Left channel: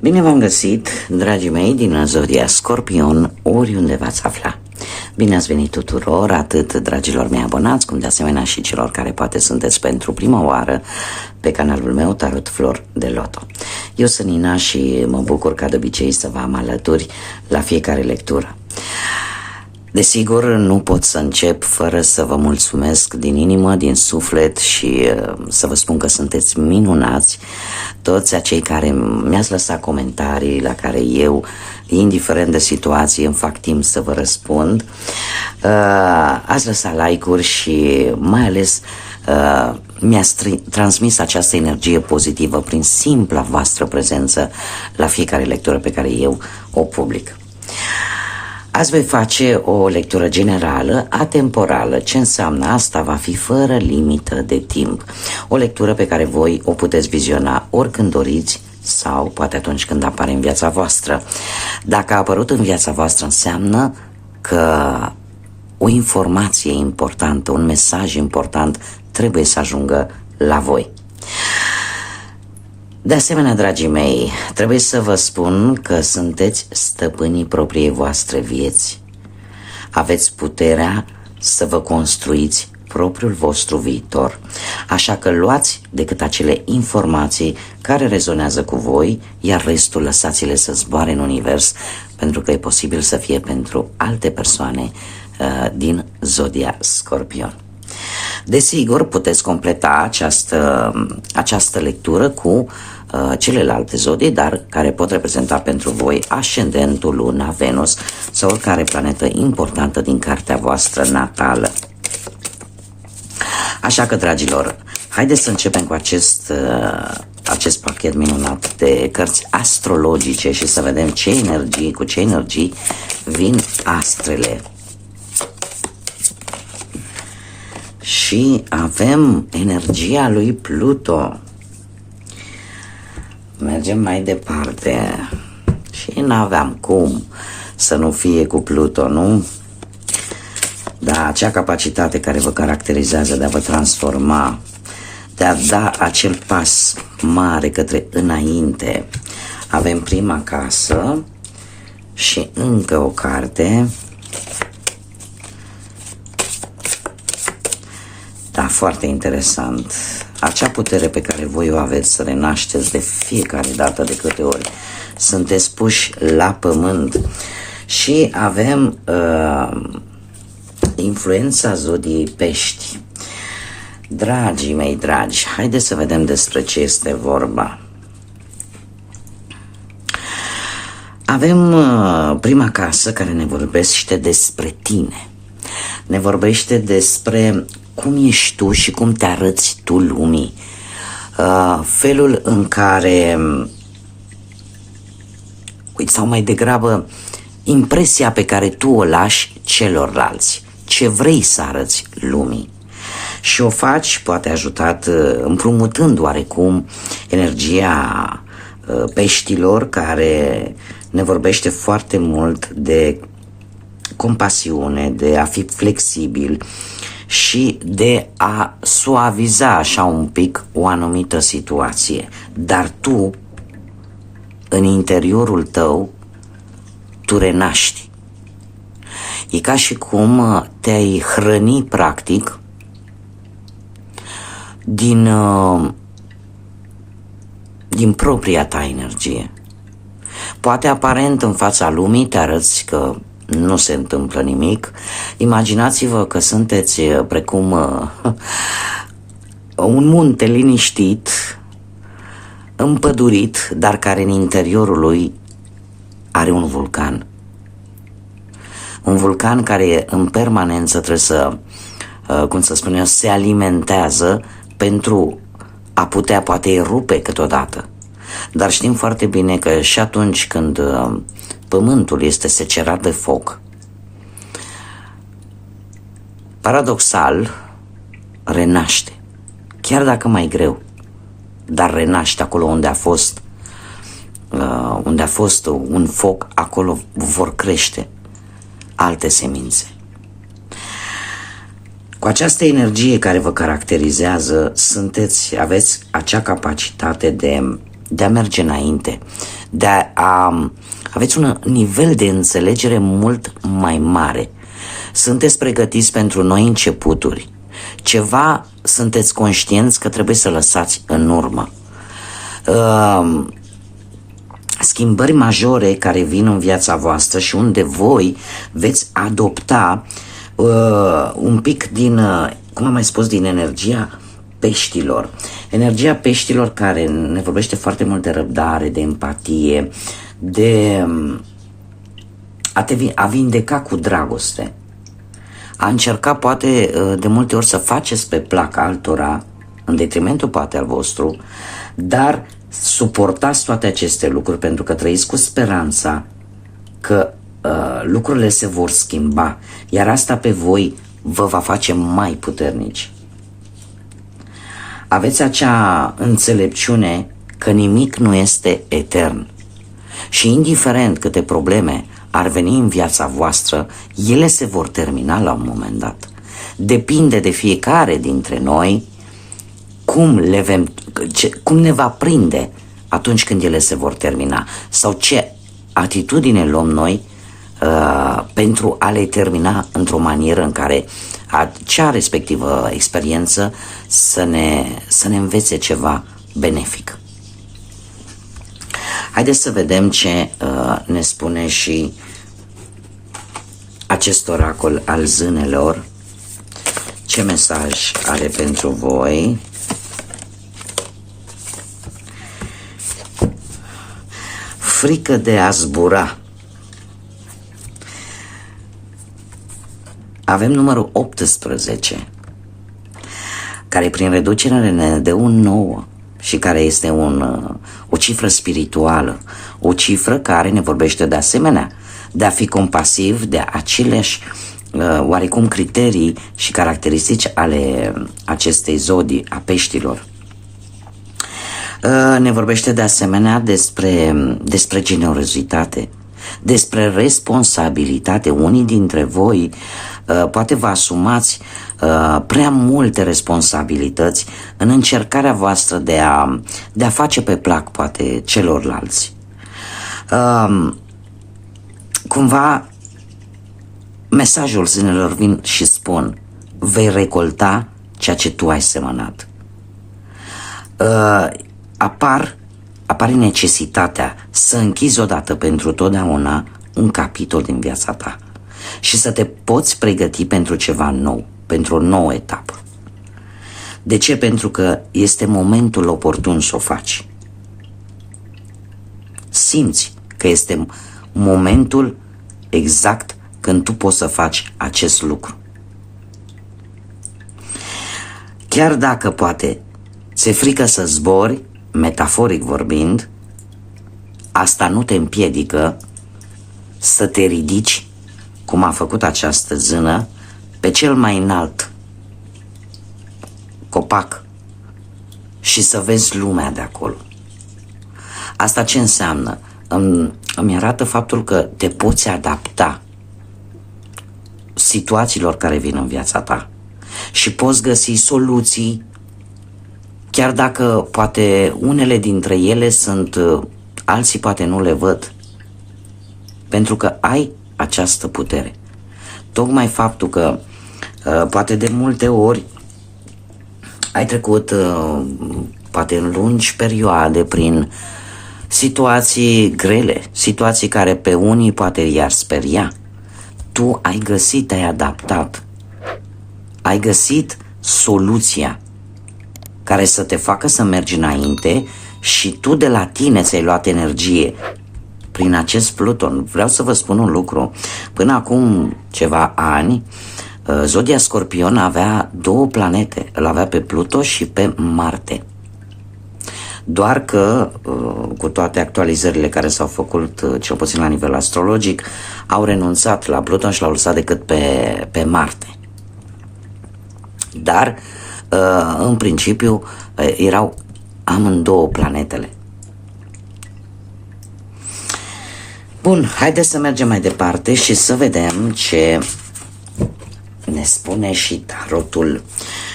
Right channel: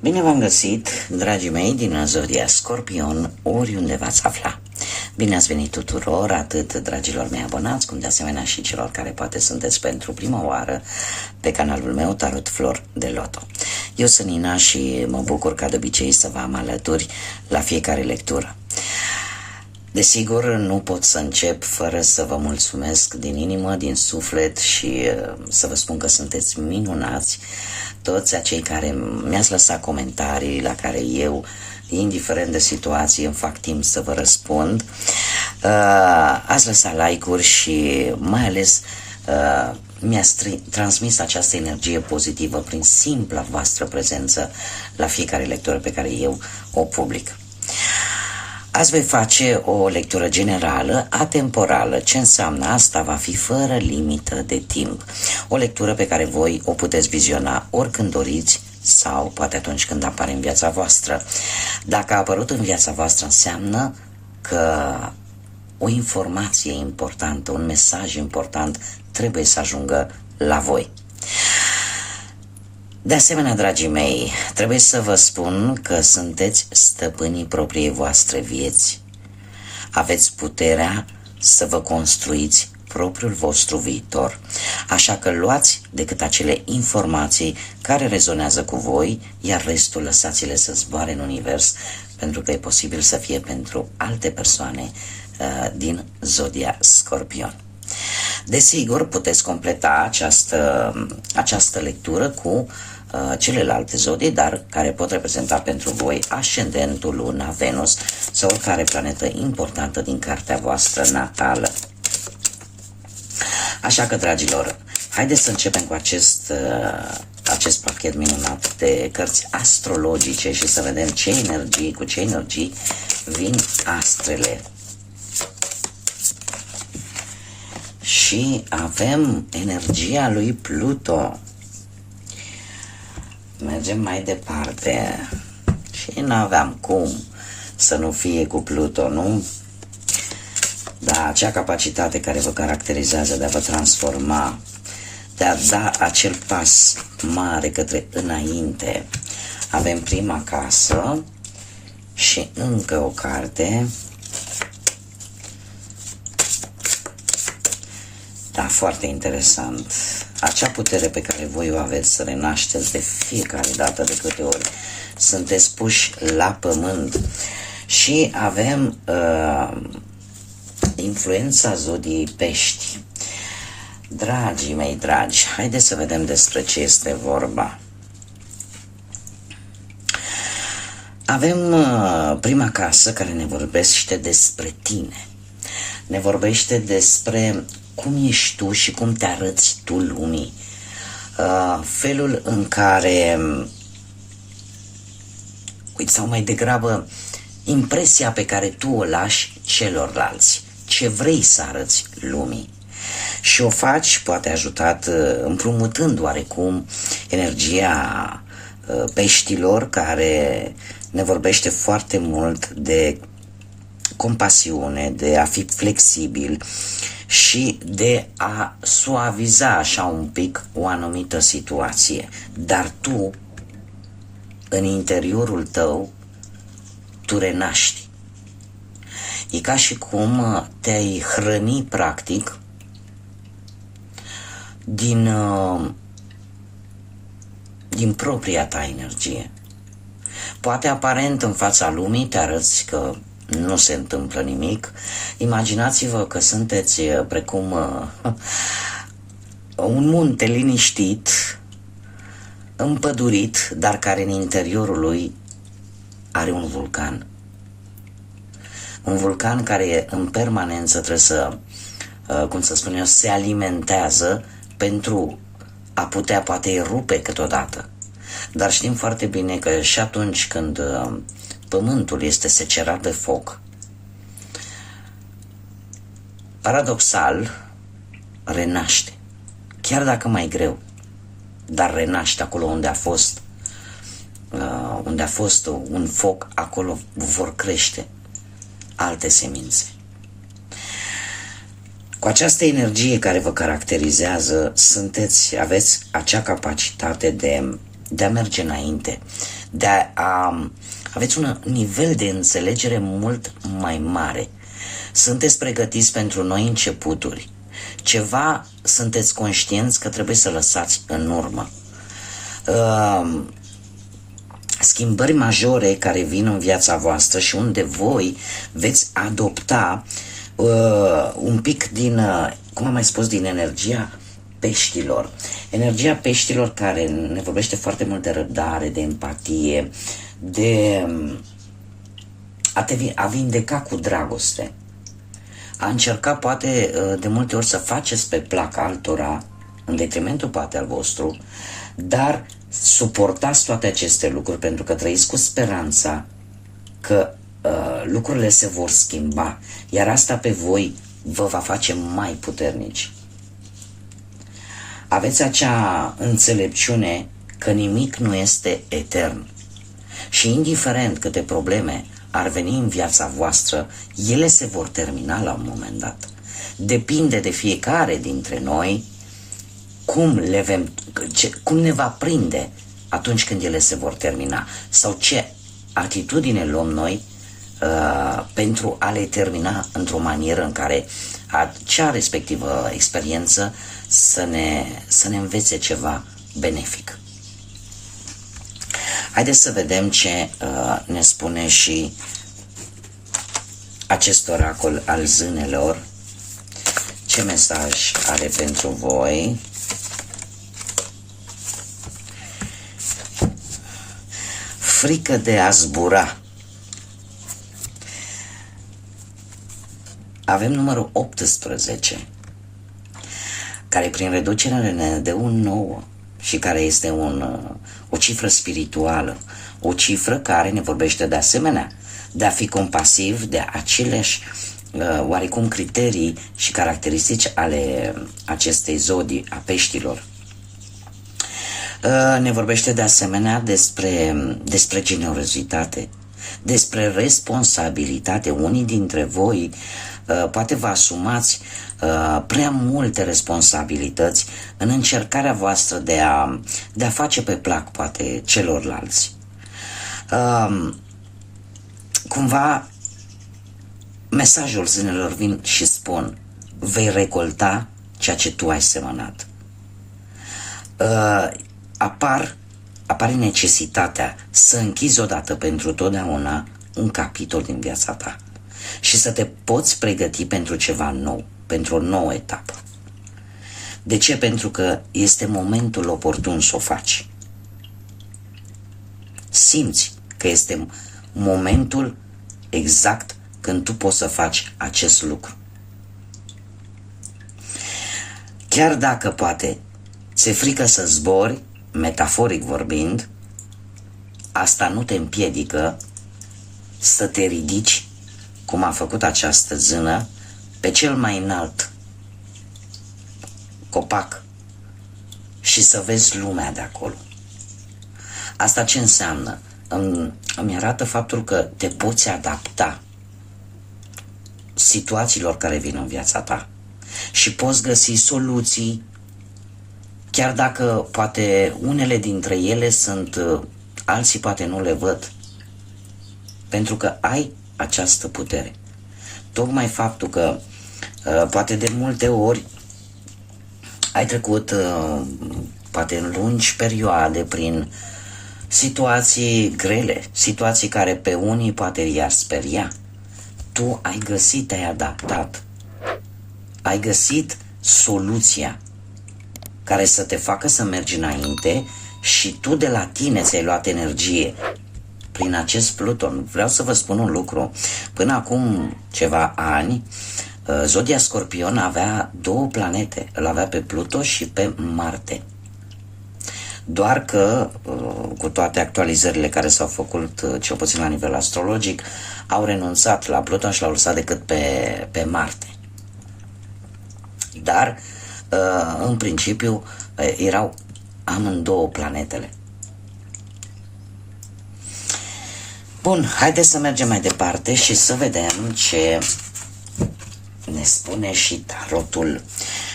Bine v-am găsit, dragii mei, din Zodia Scorpion, oriunde v-ați afla. Bine ați venit tuturor, atât dragilor mei abonați, cum de asemenea și celor care poate sunteți pentru prima oară pe canalul meu Tarot Flor de Loto. Eu sunt Nina și mă bucur ca de obicei să vă am alături la fiecare lectură. Desigur, nu pot să încep fără să vă mulțumesc din inimă, din suflet și să vă spun că sunteți minunați, toți acei care mi-ați lăsat comentarii la care eu, indiferent de situație, îmi fac timp să vă răspund. Ați lăsat like-uri și mai ales mi-ați transmis această energie pozitivă prin simpla voastră prezență la fiecare lectură pe care eu o public. Azi voi face o lectură generală, atemporală. Ce înseamnă asta? Va fi fără limită de timp. O lectură pe care voi o puteți viziona oricând doriți sau poate atunci când apare în viața voastră. Dacă a apărut în viața voastră, înseamnă că o informație importantă, un mesaj important trebuie să ajungă la voi. De asemenea, dragii mei, trebuie să vă spun că sunteți stăpânii propriei voastre vieți. Aveți puterea să vă construiți propriul vostru viitor. Așa că luați decât acele informații care rezonează cu voi, iar restul lăsați-le să zboare în univers, pentru că e posibil să fie pentru alte persoane din Scorpion. Desigur, puteți completa această lectură cu celelalte zodii, dar care pot reprezenta pentru voi ascendentul, luna, Venus sau oricare planetă importantă din cartea voastră natală. Așa că, dragilor, haideți să începem cu acest pachet minunat de cărți astrologice și să vedem cu ce energii vin astrele. Și avem energia lui Pluto. Mergem mai departe. Și n-aveam cum să nu fie cu Pluto, nu? Dar acea capacitate care vă caracterizează de a vă transforma, de a da acel pas mare către înainte. Avem prima casă și încă o carte. Da, foarte interesant. Acea putere pe care voi o aveți să renașteți de fiecare dată de câte ori sunteți puși la pământ. Și avem influența zodiei Pești. Dragii mei dragi, haideți să vedem despre ce este vorba. Avem prima casă care ne vorbește despre tine. Ne vorbește despre cum ești tu și cum te arăți tu lumii. Felul în care, sau mai degrabă, impresia pe care tu o lași celorlalți. Ce vrei să arăți lumii. Și o faci, poate ajutat, împrumutând oarecum energia peștilor, care ne vorbește foarte mult de compasiune, de a fi flexibil și de a suaviza așa un pic o anumită situație. Dar tu, în interiorul tău, tu renaști. E ca și cum te-ai hrăni practic din propria ta energie. Poate aparent în fața lumii te arăți că nu se întâmplă nimic. Imaginați-vă că sunteți precum un munte liniștit, împădurit, dar care în interiorul lui are un vulcan. Un vulcan care în permanență trebuie să, se alimentează pentru a putea poate erupe câteodată. Dar știm foarte bine că și atunci când pământul este secerat de foc, paradoxal, renaște. Chiar dacă mai greu, dar renaște acolo unde a fost un foc, acolo vor crește alte semințe. Cu această energie care vă caracterizează, aveți acea capacitate de a merge înainte, aveți un nivel de înțelegere mult mai mare. Sunteți pregătiți pentru noi începuturi. Ceva sunteți conștienți că trebuie să lăsați în urmă. Schimbări majore care vin în viața voastră și unde voi veți adopta un pic din, cum am mai spus, din energia peștilor. Energia peștilor care ne vorbește foarte mult de răbdare, de empatie, de a vindeca cu dragoste. A încerca poate de multe ori să faceți pe plac altora, în detrimentul poate al vostru, dar suportați toate aceste lucruri pentru că trăiți cu speranța că lucrurile se vor schimba, iar asta pe voi vă va face mai puternici. Aveți acea înțelepciune că nimic nu este etern și indiferent câte probleme ar veni în viața voastră, ele se vor termina la un moment dat. Depinde de fiecare dintre noi cum ne va prinde atunci când ele se vor termina sau ce atitudine luăm noi pentru a le termina într-o manieră în care acea respectivă experiență să ne învețe ceva benefic. Haideți să vedem ce ne spune și acest oracol al zânelor. Ce mesaj are pentru voi? Frică de a zbura. Avem numărul 18, care prin reducere ne dă un 9 și care este o cifră spirituală, o cifră care ne vorbește de asemenea de a fi compasiv, de aceleași oarecum criterii și caracteristici ale acestei zodii a peștilor. Ne vorbește de asemenea despre generozitate, despre responsabilitate. Unii dintre voi poate vă asumați prea multe responsabilități în încercarea voastră de a face pe plac poate celorlalți. Cumva mesajul zânelor vin și spun: vei recolta ceea ce tu ai semănat. Apare necesitatea să închizi odată pentru totdeauna un capitol din viața ta și să te poți pregăti pentru ceva nou, pentru o nouă etapă. De ce? Pentru că este momentul oportun să o faci. Simți că este momentul exact când tu poți să faci acest lucru. Chiar dacă poate ți-e frică să zbori, metaforic vorbind, asta nu te împiedică să te ridici, cum a făcut această zână, pe cel mai înalt copac și să vezi lumea de acolo. Asta ce înseamnă? Îmi arată faptul că te poți adapta situațiilor care vin în viața ta și poți găsi soluții, chiar dacă poate unele dintre ele sunt, alții poate nu le văd, pentru că ai această putere. Tocmai faptul că poate de multe ori ai trecut poate în lungi perioade prin situații grele, situații care pe unii poate i-ar speria. Tu ai găsit, te-ai adaptat, ai găsit soluția care să te facă să mergi înainte și tu de la tine ți-ai luat energie prin acest Pluton. Vreau să vă spun un lucru. Până acum ceva ani, zodia Scorpion avea două planete. Îl avea pe Pluto și pe Marte. Doar că, cu toate actualizările care s-au făcut, cel puțin la nivel astrologic, au renunțat la Pluton și l-au lăsat decât pe Marte. Dar, în principiu, erau amândouă planetele. Bun, haideți să mergem mai departe și să vedem ce ne spune și tarotul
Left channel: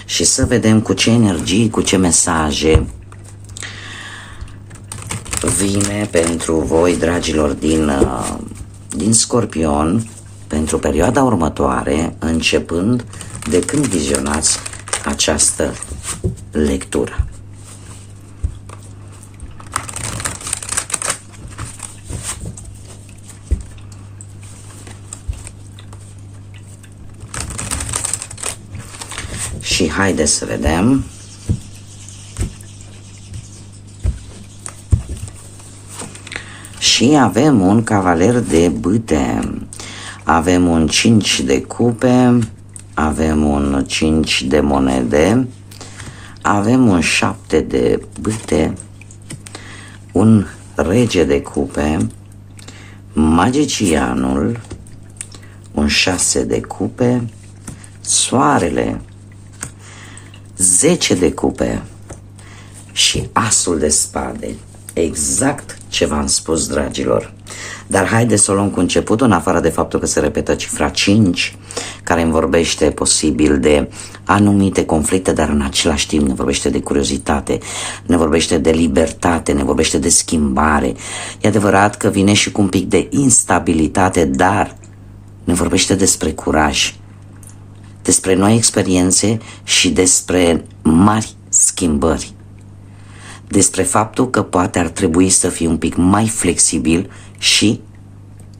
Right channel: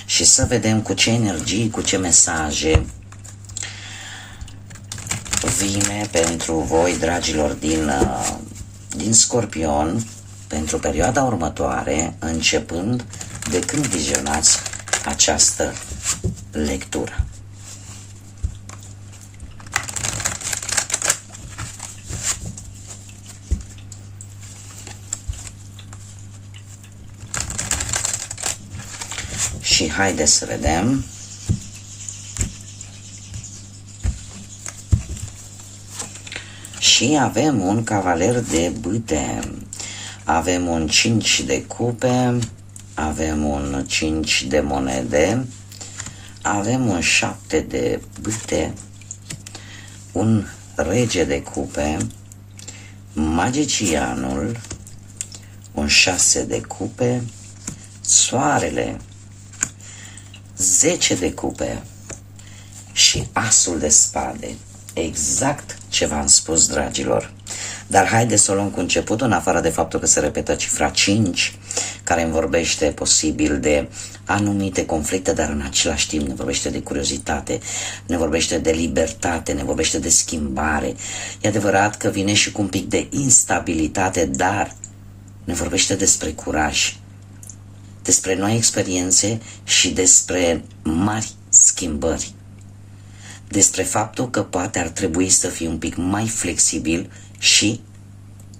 și să vedem cu ce energii, cu ce mesaje vine pentru voi, dragilor, din Scorpion, pentru perioada următoare, începând de când vizionați această lectură. Și haideți să vedem. Și avem un cavaler de bâte, avem un 5 de cupe, avem un 5 de monede, avem un 7 de bâte, un rege de cupe, magicianul, un 6 de cupe, soarele, 10 de cupe și asul de spade. Exact ce v-am spus, dragilor. Dar haideți să o luăm cu începutul, în afară de faptul că se repetă cifra 5, care îmi vorbește posibil de anumite conflicte, dar în același timp ne vorbește de curiozitate, ne vorbește de libertate, ne vorbește de schimbare. E adevărat că vine și cu un pic de instabilitate, dar ne vorbește despre curaj, despre noi experiențe și despre mari schimbări. Despre faptul că poate ar trebui să fii un pic mai flexibil și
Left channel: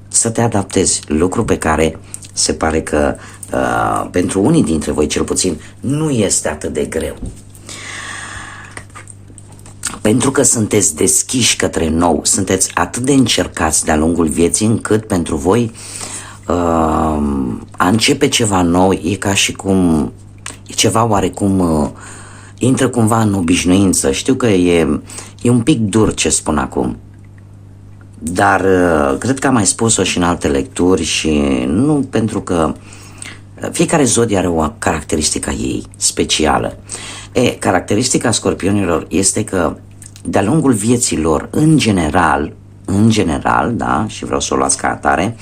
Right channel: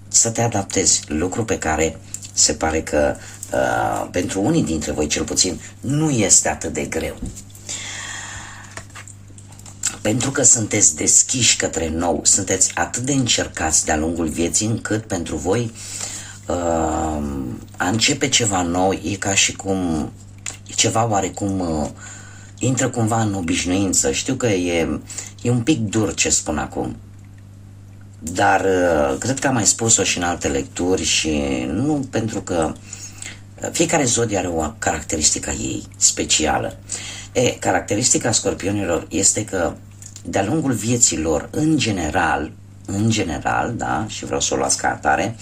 să te adaptezi, lucru pe care se pare că pentru unii dintre voi cel puțin nu este atât de greu. Pentru că sunteți deschiși către nou, sunteți atât de încercați de-a lungul vieții încât pentru voi a începe ceva nou e ca și cum e ceva oarecum intră cumva în obișnuință. Știu că e un pic dur ce spun acum, dar cred că am mai spus-o și în alte lecturi și nu pentru că fiecare zodie are o caracteristică a ei specială. Caracteristica scorpionilor este că de-a lungul vieții lor, în general, da, și vreau să o luați ca atare,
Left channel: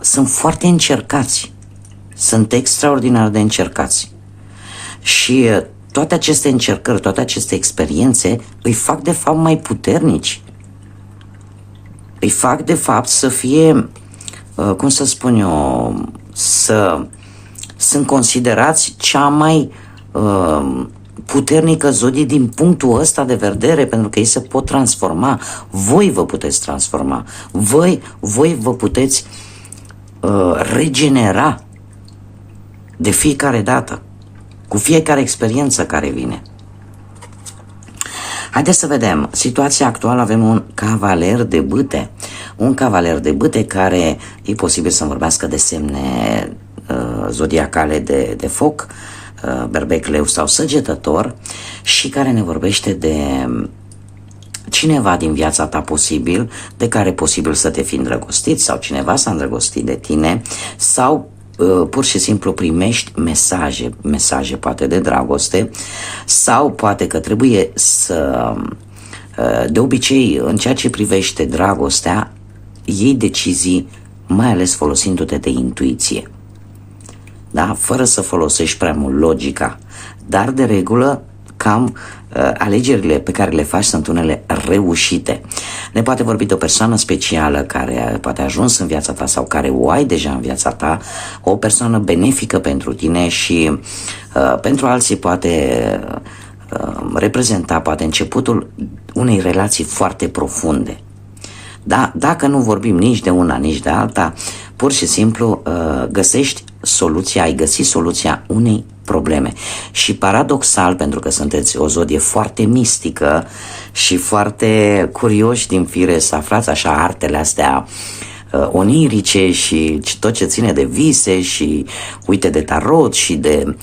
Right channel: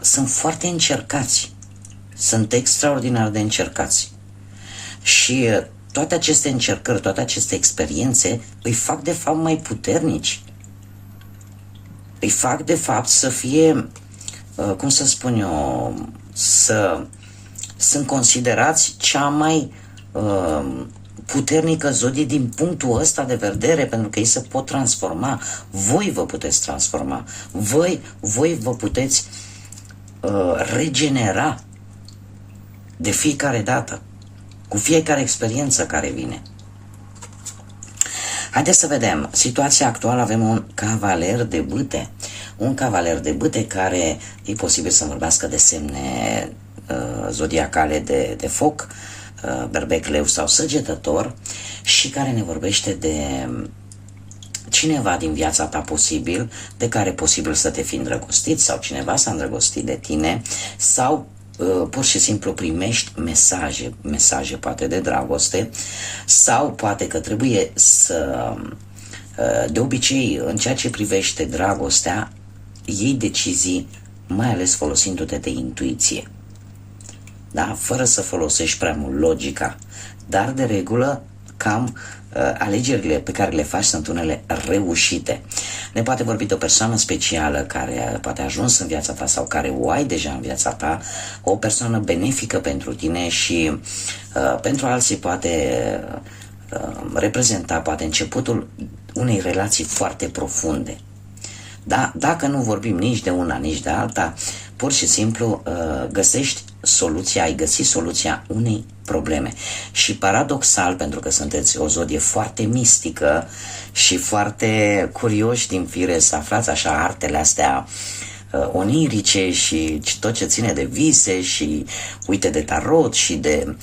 sunt foarte încercați, sunt extraordinar de încercați. Și toate aceste încercări, toate aceste experiențe îi fac de fapt mai puternici. Îi fac de fapt să fie, cum să spun eu, sunt considerați cea mai puternică zodie din punctul ăsta de vedere, pentru că ei se pot transforma. Voi vă puteți transforma. Voi vă puteți regenera de fiecare dată, cu fiecare experiență care vine. Haideți să vedem. Situația actuală, avem un cavaler de bâte. Un cavaler de bâte care e posibil să vorbească de semne zodiacale de foc, berbec, leu sau săgetător, și care ne vorbește de cineva din viața ta posibil, de care posibil să te fi îndrăgostit sau cineva s-a îndrăgostit de tine, sau pur și simplu primești mesaje poate de dragoste, sau poate că trebuie să, de obicei, în ceea ce privește dragostea, iei decizii mai ales folosindu-te de intuiție, da? Fără să folosești prea mult logica, dar de regulă cam alegerile pe care le faci sunt unele reușite. Ne poate vorbi de o persoană specială care poate a ajuns în viața ta sau care o ai deja în viața ta, o persoană benefică pentru tine și pentru alții poate reprezenta poate începutul unei relații foarte profunde. Da? Dacă nu vorbim nici de una, nici de alta, pur și simplu ai găsit soluția unei probleme. Și paradoxal, pentru că sunteți o zodie foarte mistică și foarte curioși din fire să aflați așa artele astea onirice și tot ce ține de vise și uite de tarot și de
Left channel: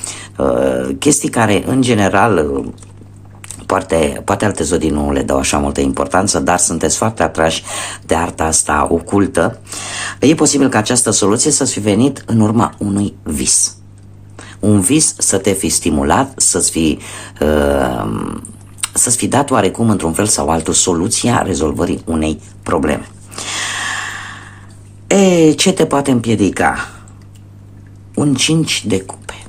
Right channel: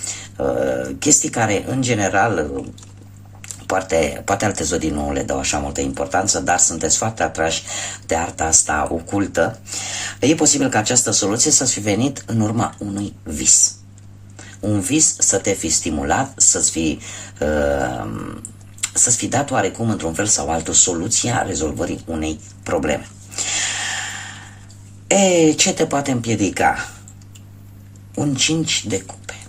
chestii care în general poate alte zodii nu le dau așa multă importanță, dar sunteți foarte atrași de arta asta ocultă. E posibil ca această soluție să fi venit în urma unui vis. Un vis să te fi stimulat, să-ți fi dat oarecum într-un fel sau altul soluția rezolvării unei probleme. Ce te poate împiedica? Un 5 de cupe.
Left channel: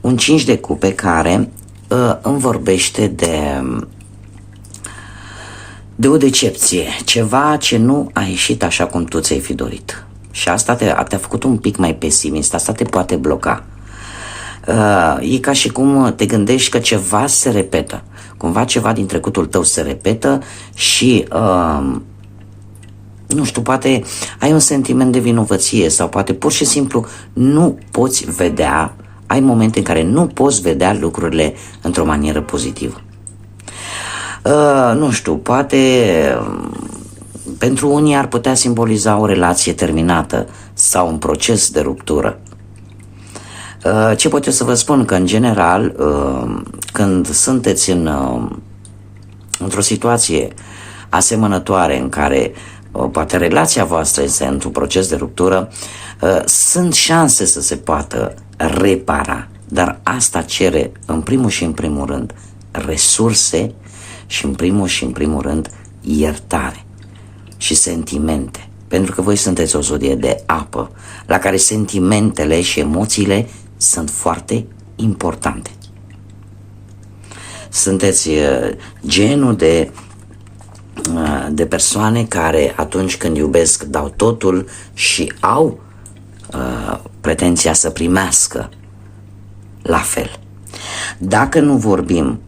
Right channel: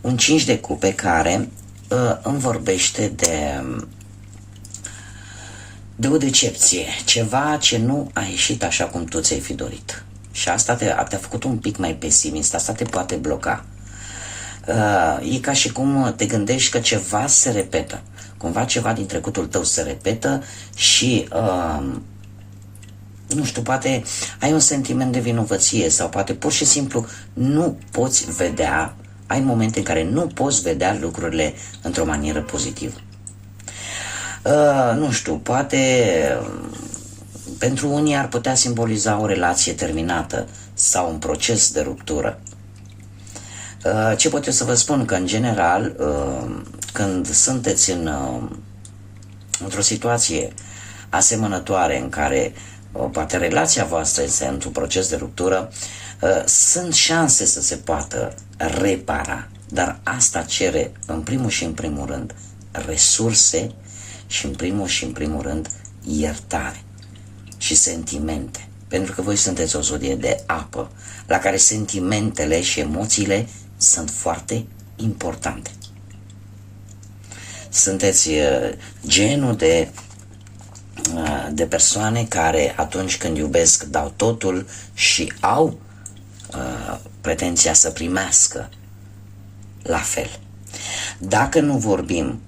Un 5 de cupe care îmi vorbește de o decepție, ceva ce nu a ieșit așa cum tu ți-ai fi dorit. Și asta te-a făcut un pic mai pesimist, asta te poate bloca. E ca și cum te gândești că ceva se repetă, cumva ceva din trecutul tău se repetă și, nu știu, poate ai un sentiment de vinovăție sau poate pur și simplu nu poți vedea, ai momente în care nu poți vedea lucrurile într-o manieră pozitivă. Nu știu, poate pentru unii ar putea simboliza o relație terminată sau un proces de ruptură. Ce pot eu să vă spun? Că în general, când sunteți într-o situație asemănătoare în care poate relația voastră este într-un proces de ruptură, sunt șanse să se poată repara, dar asta cere în primul și în primul rând resurse și în primul și în primul rând iertare și sentimente, pentru că voi sunteți o zodie de apă la care sentimentele și emoțiile sunt foarte importante. Sunteți genul de persoane care atunci când iubesc dau totul și au pretenția să primească la fel. Dacă nu vorbim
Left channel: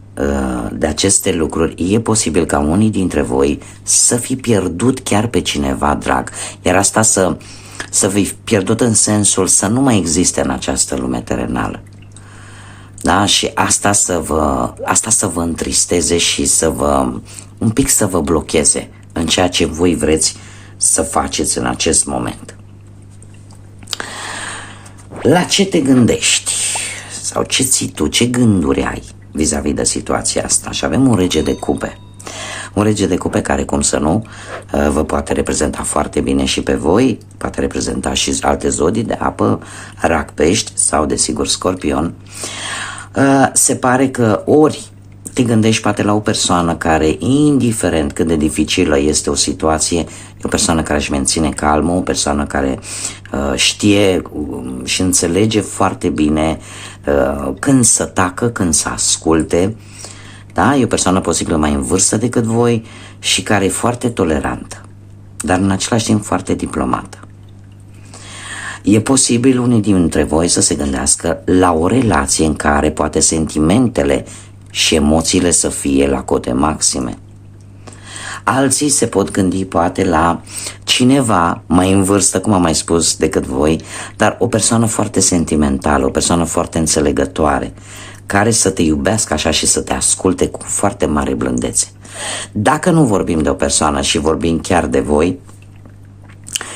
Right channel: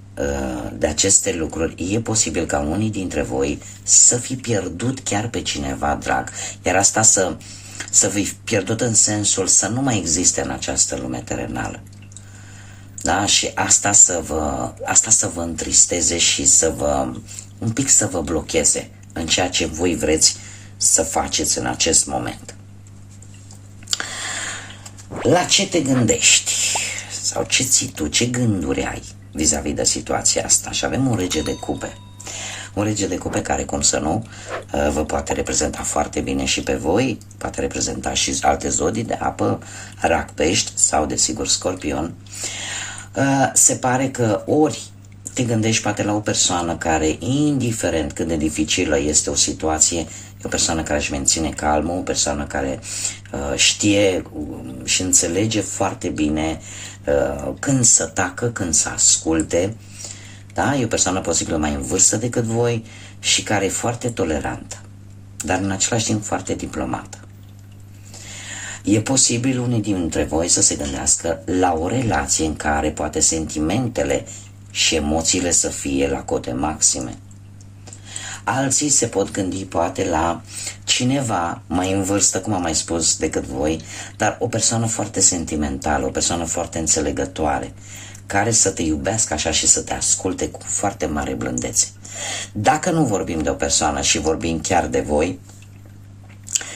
de aceste lucruri, e posibil ca unii dintre voi să fi pierdut chiar pe cineva drag, iar asta să fi pierdut în sensul să nu mai existe în această lume terenală. Da? Și asta să vă întristeze și un pic să vă blocheze în ceea ce voi vreți să faceți în acest moment. La ce te gândești? Sau ce ții tu? Ce gânduri ai vis-a-vis de situația asta? Și avem un rege de cupe. Un rege de cupe care, cum să nu, vă poate reprezenta foarte bine și pe voi, poate reprezenta și alte zodii de apă, rac, pești sau, desigur, scorpion. Se pare că ori te gândești poate la o persoană care, indiferent cât de dificilă este o situație, e o persoană care își menține calmul, o persoană care știe și înțelege foarte bine când să tacă, când să asculte. Da? E o persoană posibil mai în vârstă decât voi și care e foarte tolerantă, dar în același timp foarte diplomată. E posibil unii dintre voi să se gândească la o relație în care poate sentimentele și emoțiile să fie la cote maxime. Alții se pot gândi poate la cineva mai în vârstă, cum am mai spus, decât voi, dar o persoană foarte sentimentală, o persoană foarte înțelegătoare, care să te iubească așa și să te asculte cu foarte mare blândețe. Dacă nu vorbim de o persoană și vorbim chiar de voi,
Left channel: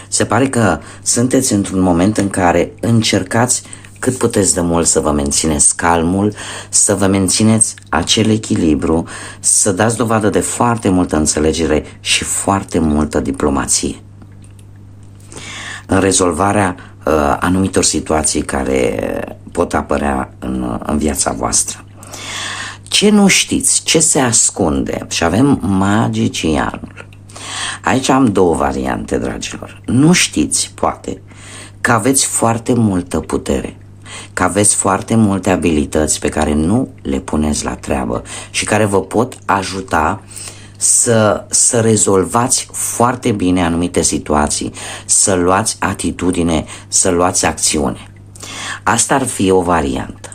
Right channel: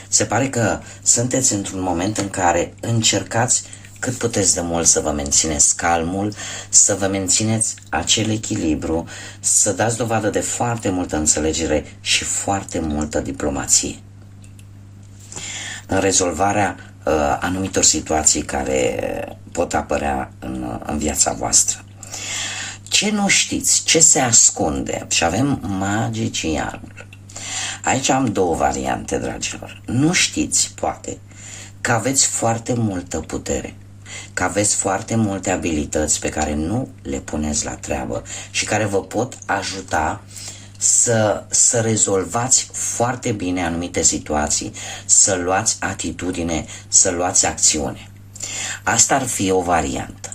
se pare că sunteți într-un moment în care încercați cât puteți de mult să vă mențineți calmul, să vă mențineți acel echilibru, să dați dovadă de foarte multă înțelegere și foarte multă diplomație în rezolvarea anumitor situații care pot apărea în viața voastră. Ce nu știți? Ce se ascunde? Și avem magicianul. Aici am două variante, dragilor. Nu știți, poate, că aveți foarte multă putere, că aveți foarte multe abilități pe care nu le puneți la treabă și care vă pot ajuta să rezolvați foarte bine anumite situații, să luați atitudine, să luați acțiune. Asta ar fi o variantă.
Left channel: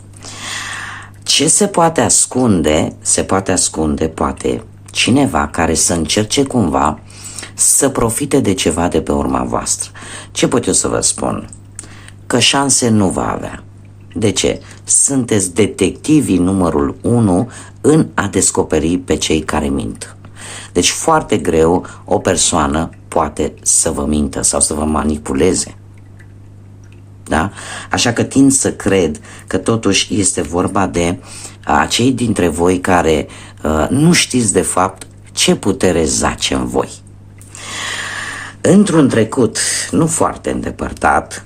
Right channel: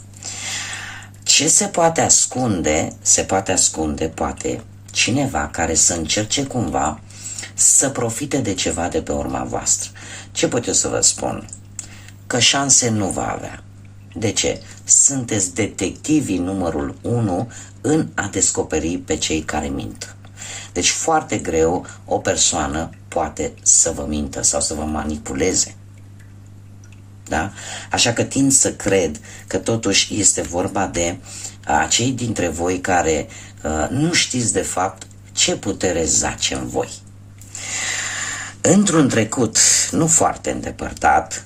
Ce se poate ascunde? Se poate ascunde, poate, cineva care să încerce cumva să profite de ceva de pe urma voastră. Ce pot eu să vă spun? Că șanse nu va avea. De ce? Sunteți detectivii numărul 1 în a descoperi pe cei care mint. Deci foarte greu o persoană poate să vă mintă sau să vă manipuleze. Da? Așa că tind să cred că totuși este vorba de acei dintre voi care nu știți de fapt ce putere zace în voi. Într-un trecut nu foarte îndepărtat,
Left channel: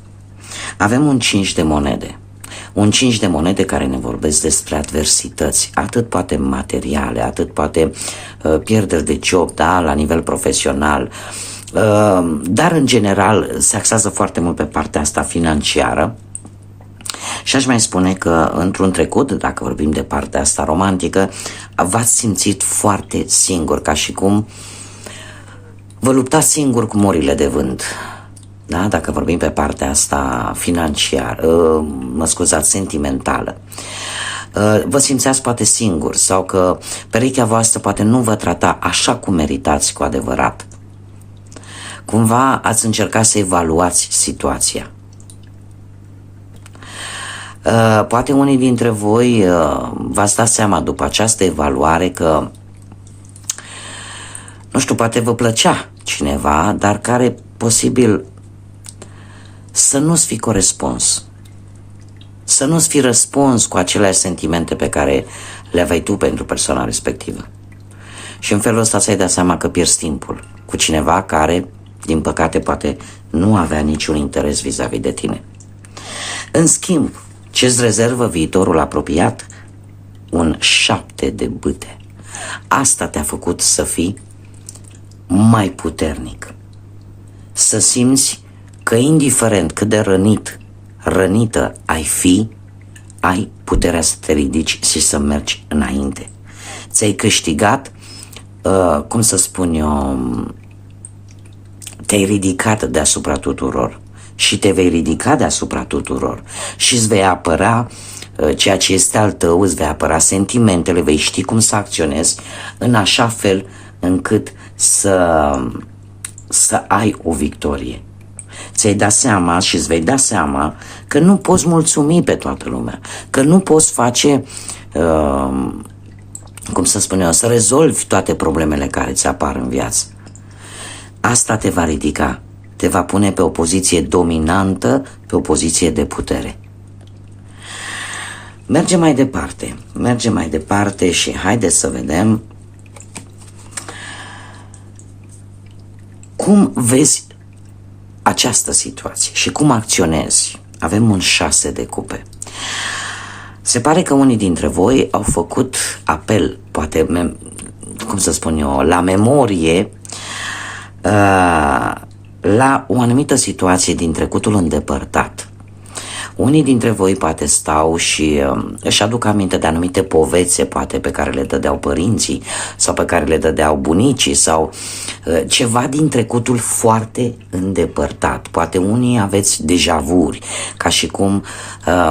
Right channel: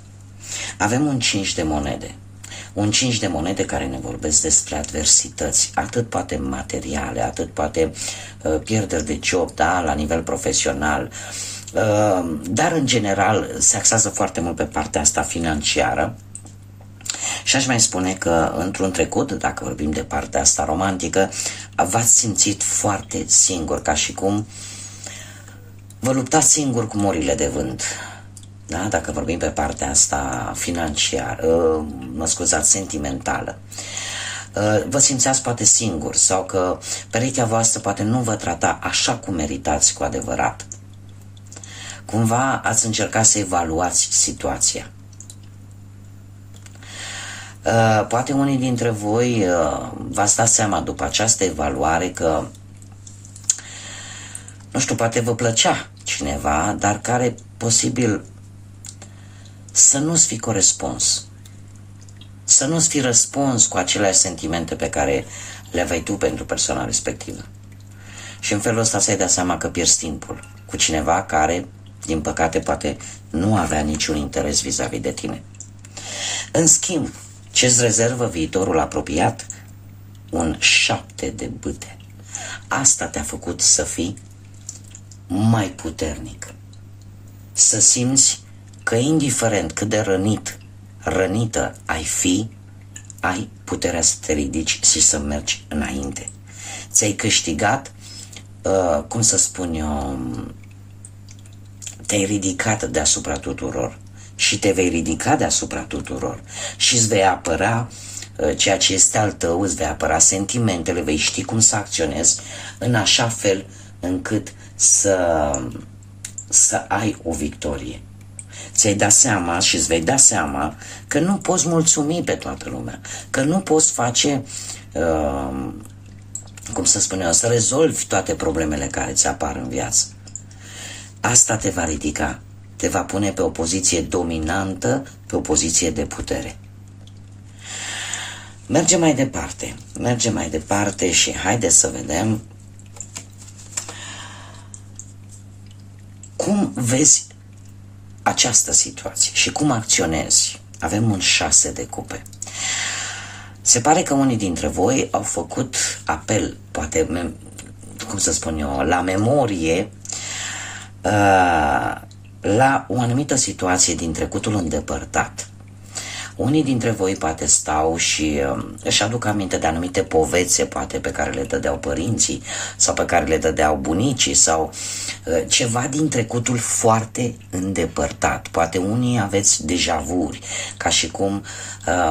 avem un 5 de monede. Un 5 de monede care ne vorbesc despre adversități, atât poate materiale, atât poate pierderi de job, da, la nivel profesional, dar în general se axează foarte mult pe partea asta financiară. Și aș mai spune că într-un trecut, dacă vorbim de partea asta romantică, v-ați simțit foarte singur, ca și cum Vă luptați singur cu morile de vânt. Da? Dacă vorbim pe partea asta financiară, sentimentală. Vă simțeați poate singur sau că perechea voastră poate nu vă trata așa cum meritați cu adevărat. Cumva ați încercat să evaluați situația. Poate unii dintre voi v-ați dat seama după această evaluare că, nu știu, poate vă plăcea cineva, dar care posibil să nu-ți fi corespuns. Să nu-ți fi răspuns cu aceleași sentimente pe care le aveai tu pentru persoana respectivă. Și în felul ăsta ți-ai dat seama că pierzi timpul cu cineva care, din păcate, poate nu avea niciun interes vis-a-vis de tine. În schimb, ce-ți rezervă viitorul apropiat? Un 7 de bâte. Asta te-a făcut să fii mai puternic. Să simți că indiferent cât de rănită ai fi, ai puterea să te ridici și să mergi înainte. Ți-ai câștigat, cum să spun eu, te-ai ridicat deasupra tuturor și te vei ridica deasupra tuturor și îți vei apăra ceea ce este al tău, îți vei apăra sentimentele, vei ști cum să acționezi în așa fel încât să ai o victorie. Ți-ai dat seama și îți vei da seama că nu poți mulțumi pe toată lumea, că nu poți face, cum să spun eu, să rezolvi toate problemele care ți apar în viață. Asta te va ridica, te va pune pe o poziție dominantă, pe o poziție de putere. Mergem mai departe și haideți să vedem cum vezi această situație și cum acționezi. Avem un 6 de cupe. Se pare că unii dintre voi au făcut apel, poate, cum să spun eu, la memorie, la o anumită situație din trecutul îndepărtat. Unii dintre voi poate stau și își aduc aminte de anumite povețe, poate pe care le dădeau părinții sau pe care le dădeau bunicii sau ceva din trecutul foarte îndepărtat. Poate unii aveți deja-vuri, ca și cum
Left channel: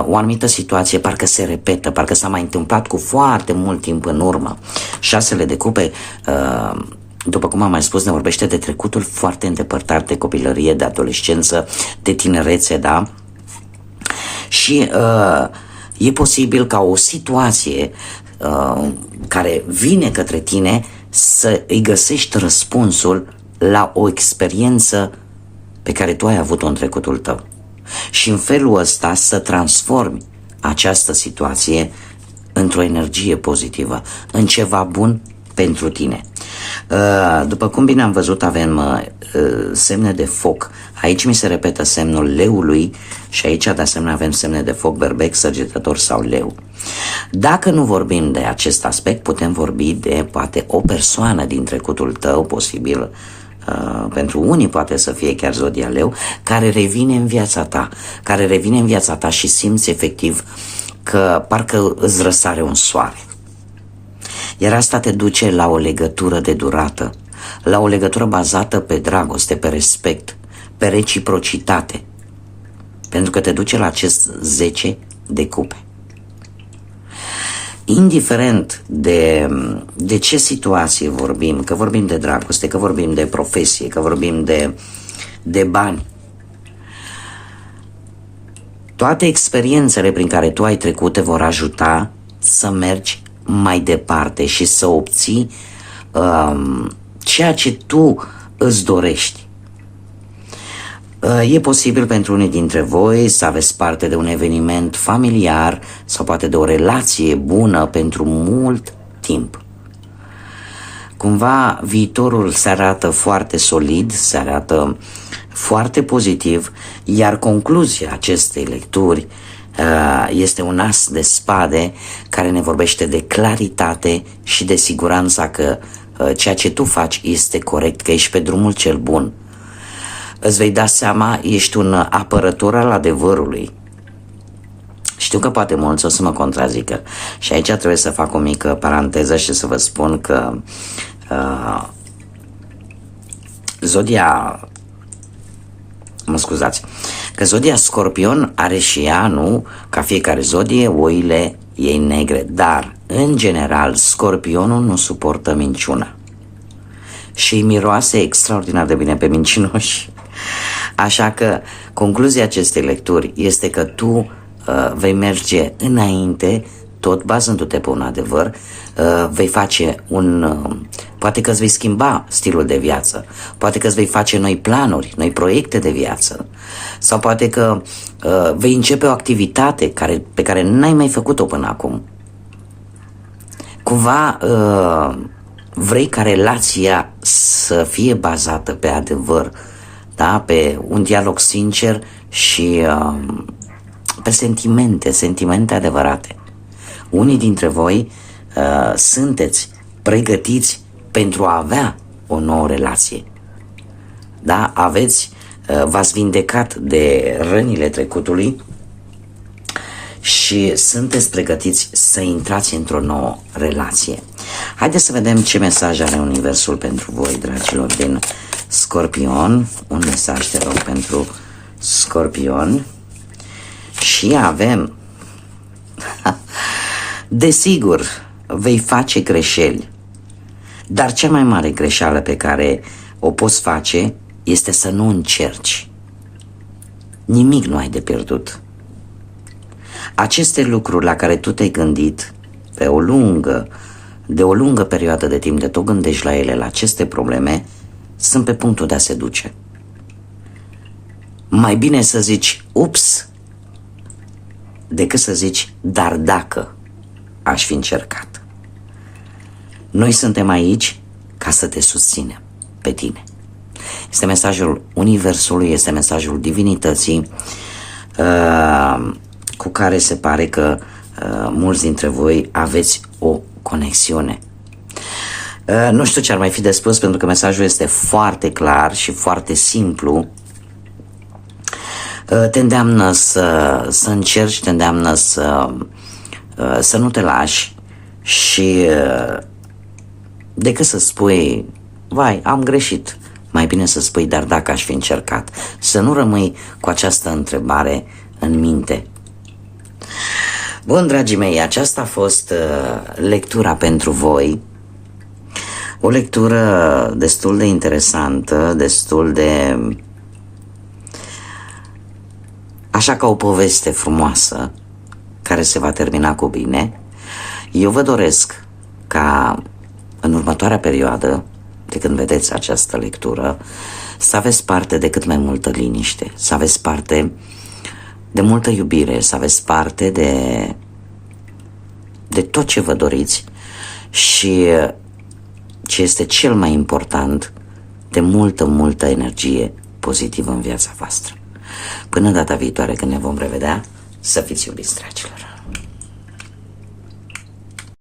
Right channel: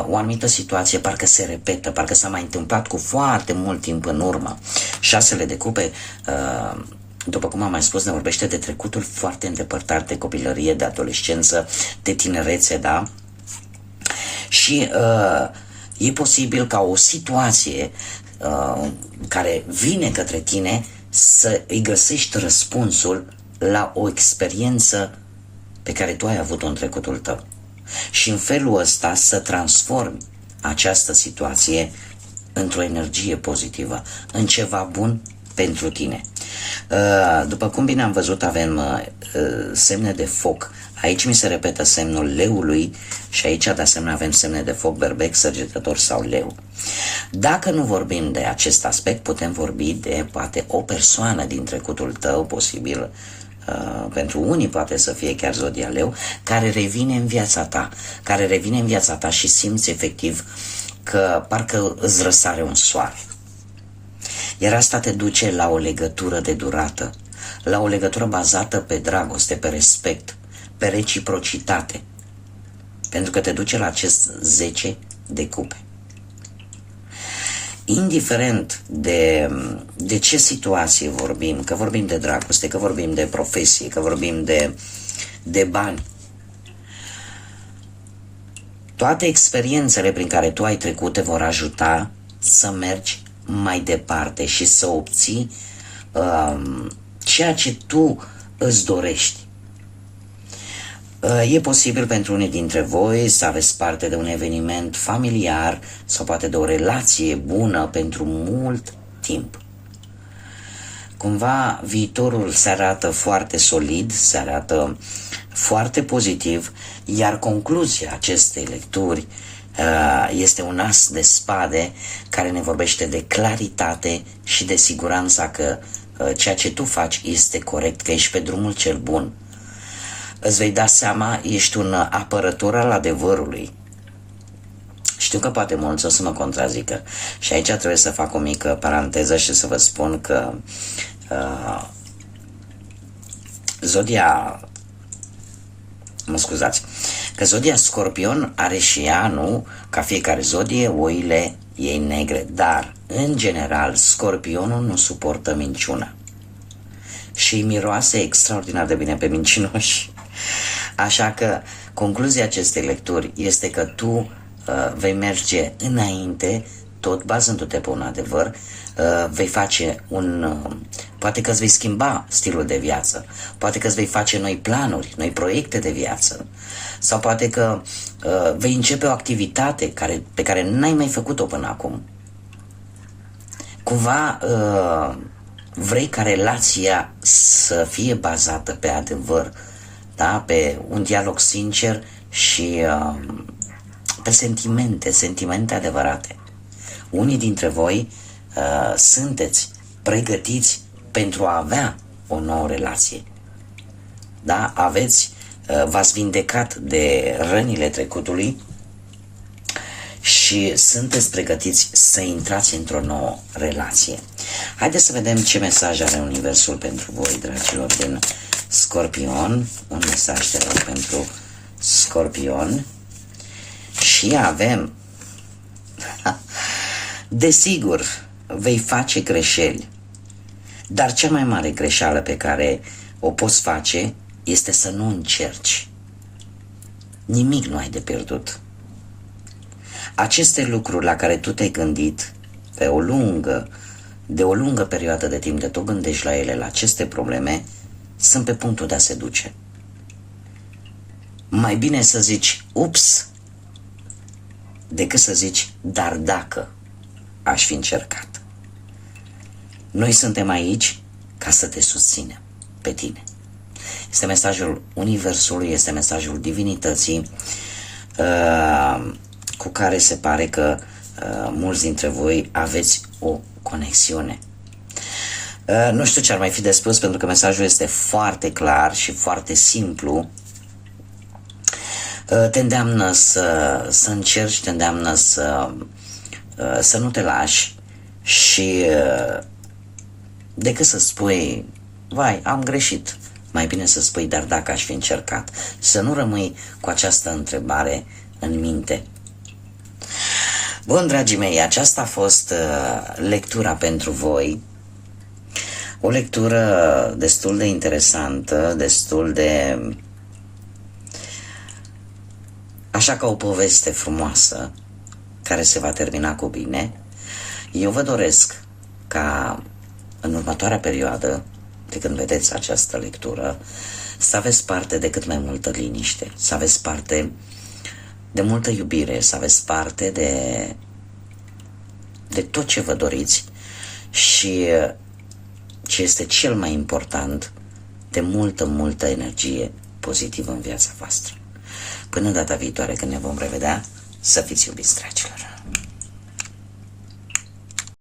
o anumită situație parcă se repetă, parcă s-a mai întâmplat cu foarte mult timp în urmă. 6 de cupe, după cum am mai spus, ne vorbește de trecutul foarte îndepărtat, de copilărie, de adolescență, de tinerețe, da? Și e posibil ca o situație care vine către tine să îi găsești răspunsul la o experiență pe care tu ai avut-o în trecutul tău. Și în felul ăsta să transformi această situație într-o energie pozitivă, în ceva bun pentru tine. După cum bine am văzut, avem semne de foc. Aici mi se repetă semnul leului și aici de asemenea avem semne de foc, berbec, săgetător sau leu. Dacă nu vorbim de acest aspect, putem vorbi de poate o persoană din trecutul tău, posibil pentru unii poate să fie chiar zodia leu, care revine în viața ta, și simți efectiv că parcă îți răsare un soare. Iar asta te duce la o legătură de durată, la o legătură bazată pe dragoste, pe respect, pe reciprocitate, pentru că te duce la acest 10 de cupe. Indiferent de ce situație vorbim, că vorbim de dragoste, că vorbim de profesie, că vorbim de bani, toate experiențele prin care tu ai trecut te vor ajuta să mergi mai departe și să obții ceea ce tu îți dorești. E posibil pentru unii dintre voi să aveți parte de un eveniment familiar sau poate de o relație bună pentru mult timp. Cumva viitorul se arată foarte solid, se arată foarte pozitiv, iar concluzia acestei lecturi este un as de spade care ne vorbește de claritate și de siguranța că ceea ce tu faci este corect, că ești pe drumul cel bun. Îți vei da seama, ești un apărător al adevărului. Știu că poate mulți o să mă contrazică și aici trebuie să fac o mică paranteză și să vă spun că că zodia Scorpion are și ea, nu, ca fiecare zodie, oile ei negre, dar, în general, Scorpionul nu suportă minciuna și miroase extraordinar de bine pe mincinoși. Așa că concluzia acestei lecturi este că tu vei merge înainte, tot bazându-te pe un adevăr, vei face poate că îți vei schimba stilul de viață, poate că îți vei face noi planuri, noi proiecte de viață, sau poate că vei începe o activitate pe care n-ai mai făcut-o până acum. Cumva vrei ca relația să fie bazată pe adevăr, da? Pe un dialog sincer și pe sentimente adevărate. Unii dintre voi sunteți pregătiți pentru a avea o nouă relație. Da? V-ați vindecat de rănile trecutului și sunteți pregătiți să intrați într-o nouă relație. Haideți să vedem ce mesaj are Universul pentru voi, dragilor din Scorpion. Un mesaj, te rog, pentru Scorpion. Și avem desigur, vei face greșeli, dar cea mai mare greșeală pe care o poți face este să nu încerci. Nimic nu ai de pierdut. Aceste lucruri la care tu te-ai gândit de o lungă perioadă de timp, de tot gândești la ele, la aceste probleme, sunt pe punctul de a se duce. Mai bine să zici ups decât să zici dar dacă aș fi încercat. Noi suntem aici ca să te susținem pe tine. Este mesajul Universului, este mesajul divinității cu care se pare că mulți dintre voi aveți o conexiune. Nu știu ce ar mai fi de spus, pentru că mesajul este foarte clar și foarte simplu. Te îndeamnă să încerci, te îndeamnă să nu te lași și decât să spui vai, am greșit, mai bine să spui dar dacă aș fi încercat. Să nu rămâi cu această întrebare în minte. Bun, dragii mei, aceasta a fost lectura pentru voi. O lectură destul de interesantă, destul de așa, ca o poveste frumoasă care se va termina cu bine. Eu vă doresc ca în următoarea perioadă, de când vedeți această lectură, să aveți parte de cât mai multă liniște, să aveți parte de multă iubire, să aveți parte de tot ce vă doriți și, ce este cel mai important, de multă energie pozitivă în viața voastră. Până data viitoare când ne vom revedea, să fiți iubiți, dragilor!